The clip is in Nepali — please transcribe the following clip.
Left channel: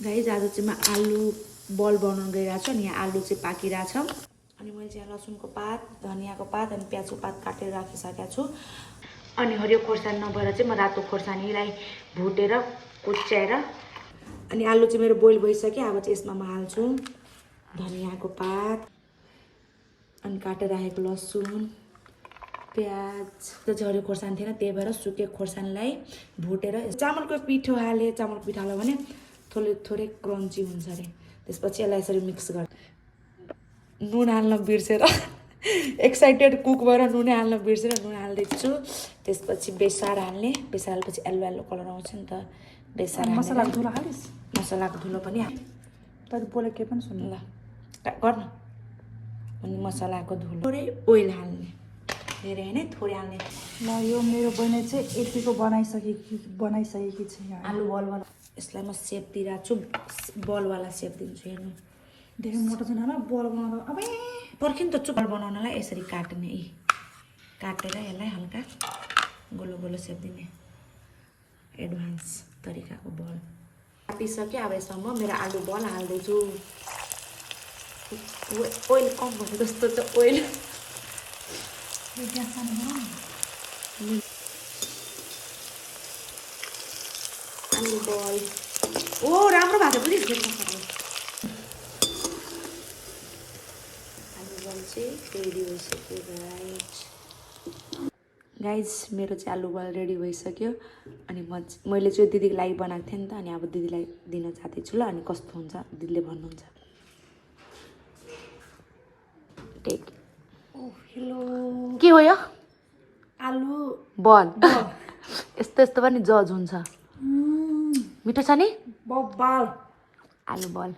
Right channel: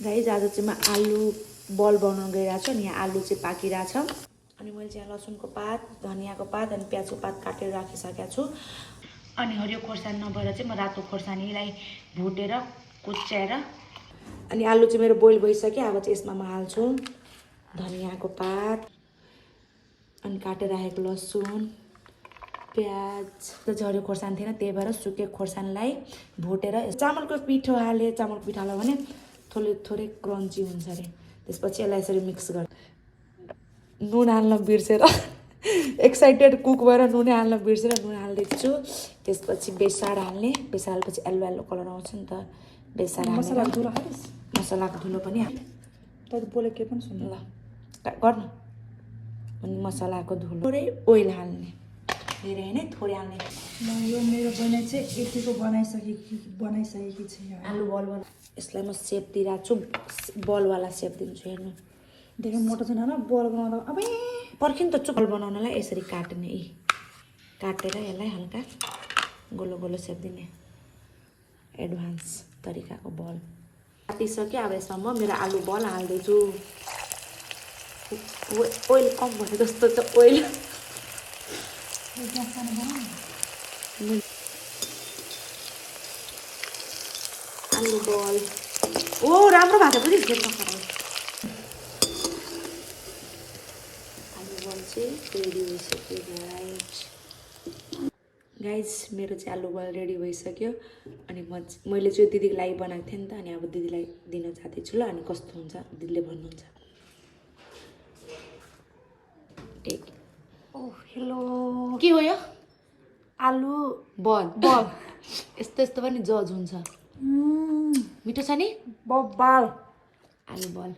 गाइज आज चाहिँ म आलु बल बनाउन गइरहेको छु अनि यहाँ आलु चाहिँ पाकिरहेछ अनि मैले चाहिँ लसुनको पात धनियाँको पात अनि प्याजको पात काटेर राखिसकेको छु अनि हरियो खोर्सानी नभएर चाहिँ म रातो खोर्सानीलाई भुटेर कुच्याएर अनि आलु चाहिँ मेरो बोइल भइसक्यो अब चाहिँ यसमा म हाल्छु धनियाँको पात अनि काटेर राखेको लसुन प्याज त हरियो खोर्सानी थिएन त्यही भएर सुकेको खोर्सानीलाई भुटेर चामलको पिठो हालेँ चामलको पिठो हाल्यो भने थोरै क्रन्ची हुन्छ अरे त्यसपछि यसलाई यसरी मिक्स गर नुन हाल्न बिर्सेर एक्साइटेड कुक भएर नुन हाल्न बिर्सेर नुन हाल्दैछु छु त्यसपछि बेसार हाल्ने बेसार हालेपछि येल्लो येल्लो कलर आउँछ नि त बेसार मसलाको धुलो हालिस् मसलाको धुलो पनि तर बोले के पनि सुन्नु ल गर्न अनि मसलाको धुलो थोरै ओइल हाल्ने धेरै होइन थोरै हाल्ने ल यो मेरो बहिनी चाहिँ यतिको बनाइसकेकी छ यहाँ आलु बल बना यसलाई म सेप दिइरहेको छु बलवाला सेप दिन्छु हेर्नु धेरै मोटो छैन होला बल बनाउँदा अब पर्खिनु त चुपल बनाउनलाई यसरी काट्ने काटेर यसलाई हल्का गोलो गोलो सेप दिने एडभान्स तरिकाको बल काटिसक्यो अब यसमा म मेरो आलु बल हाल्दैछु ओइल कम भयो जस्तो त ओइल आलु बल ओ राम्रो भएको पनि रेडी भइसक्यो गाइज मेरो चाहिँ आलु बल रेडी भइसक्यो अनि मैले चाहिँ दिदीको लागि बनाएको थिएँ नि त अनि अब दिदीलाई दिन जाँदैछु ल अनि कस्तो हुन्छ दिदीले भन्नुहुन्छ टेक ओ हेलो के हो यो आलु बल यस्तो यस्तो पनि जज हुन्छ मिठो छ नि बबाल आलु बल